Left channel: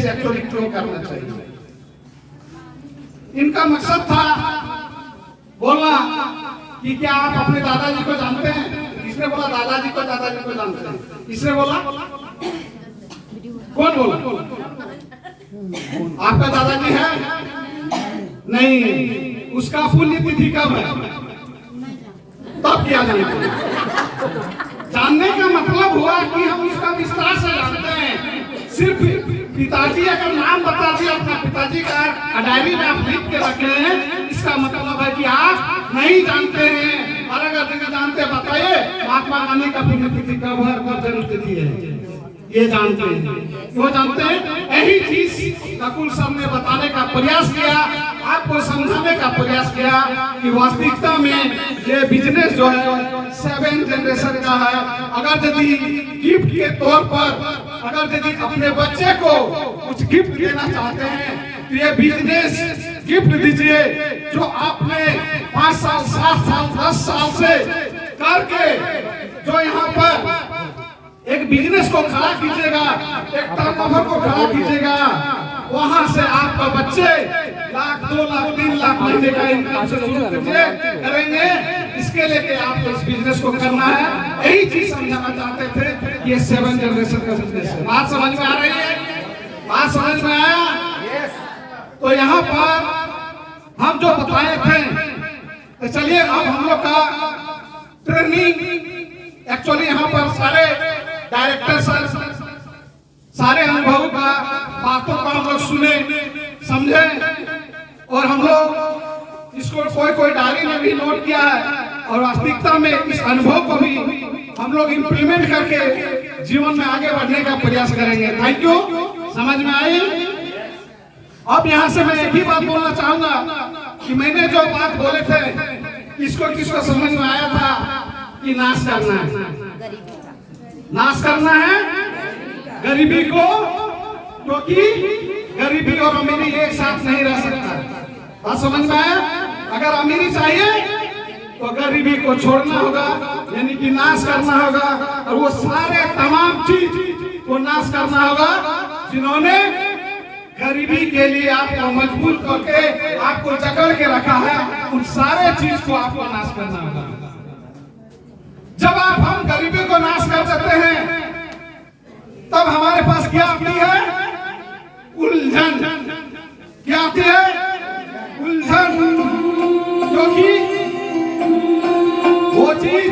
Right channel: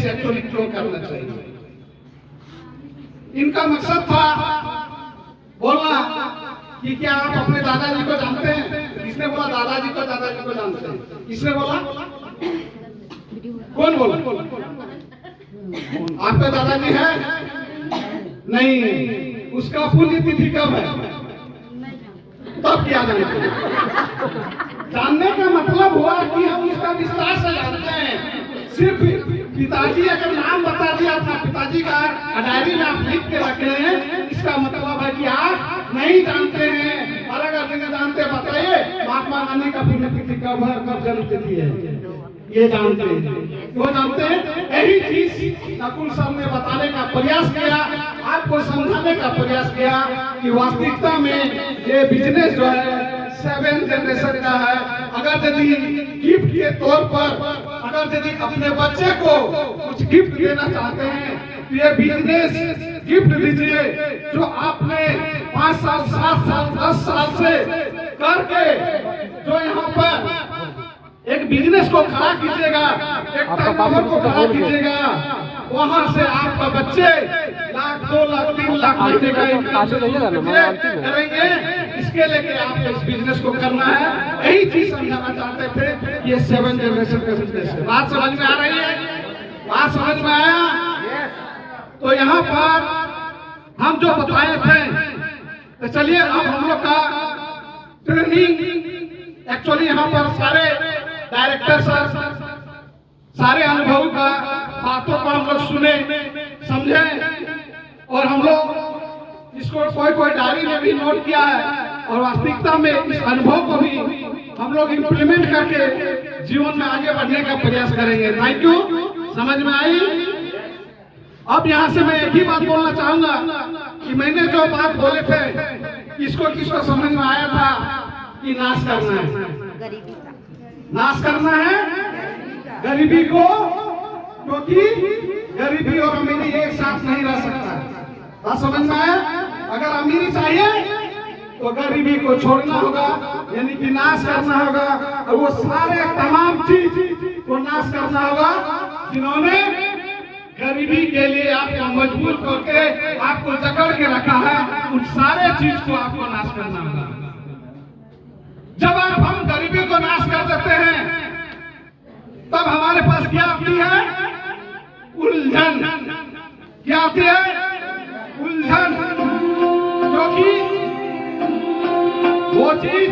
से एक्चुअली क्यों करना चाहिए। इनका मकसद था बोलना कि क्या आप अपने दादाजी को जानते हैं। किसने बोला दादाजी को जानते हैं। किसने बोला, कौन बोला? आपका दादाजी है नहीं, उसका पुण्यतिथि कब है तब क्या जानने का मतलब हुआ कि हम उसका विस्तार से जानते हैं। सिर्फ पिताजी अगर नाम बता दिया अपना पिताजी का डायरी में आप लिख के रखे हैं, इसका मतलब है कि आप नहीं जानते हैं। और अगर जानते बताइए महात्मा गांधी का पुण्यतिथि कब है, कब जन्म तिथि है, ये जानते हैं। क्यों जानते हैं? यही चीज नकुल सर ने बताने का प्रयास किया, आपको समझाने का प्रयास किया कि वास्तविकता में ये बिजनेस जो है 7 जनरेशन का है। अगर यदि गिफ्ट के तौर पर अगर यदि अपने बच्चे को कुछ गिफ्ट देना चाहते हैं तो ये बिजनेस गिफ्ट दीजिए जो आपने 5 साल 7 साल 10 साल से करके जो यहाँ पर एक बिजनेस को खड़ा कीजिएगा, एक टर्नओवर को खड़ा कीजिएगा, वहां से आपका बच्चे 1 लाख 2 लाख 3 लाख महीने का इनकम करेंगे। इसके लिए आपको इस बिजनेस को करना है। यही चीज समझाना चाहते थे। ये 7 जनरेशन का बिजनेस है। बात समझ में आ रही है? बात समझ में आया? तो यहाँ पर हम जो बताए थे, तो चलिए अब हम लोग का ट्रेनिंग एक्चुअली यहाँ पर सारे डायरेक्टर सारे अनुभव का बातों को हम लोग सुने समझे और हम लोग इसको कोई डायरी में भी नोट किया है और वास्तविकता में इस अनुभव को भी हम लोग इम्प्लीमेंट करके जीवन में आगे बढ़ने का प्रयास करेंगे। Thank you. समझ में आई? अब यहाँ से मैं एक ही बात बोलना चाहूंगा कि मैंने जो बात बोले थे किसको समझ में आया था कि नाश करना है, नाश करना है गरीबी को, क्योंकि गरीबी और अमीरी एक साथ नहीं रह सकता। बात समझ में आया? अगर अमीरी चाहिए तो गरीबी को छोड़ना होगा, यानी कि नाश करना होगा और वो सारे तमाम चीज को नाश करना होगा जिन्होंने गरीबी के लिए आपको मजबूर करके आपको जकड़ के रखा है। उन सारे चीज को आपको नाश करना होगा। जब हम गरीबी को नाश कर देते हैं तब हमारे पास क्या आती है? उलझन। क्या आती है? उलझन। क्योंकि वो चीज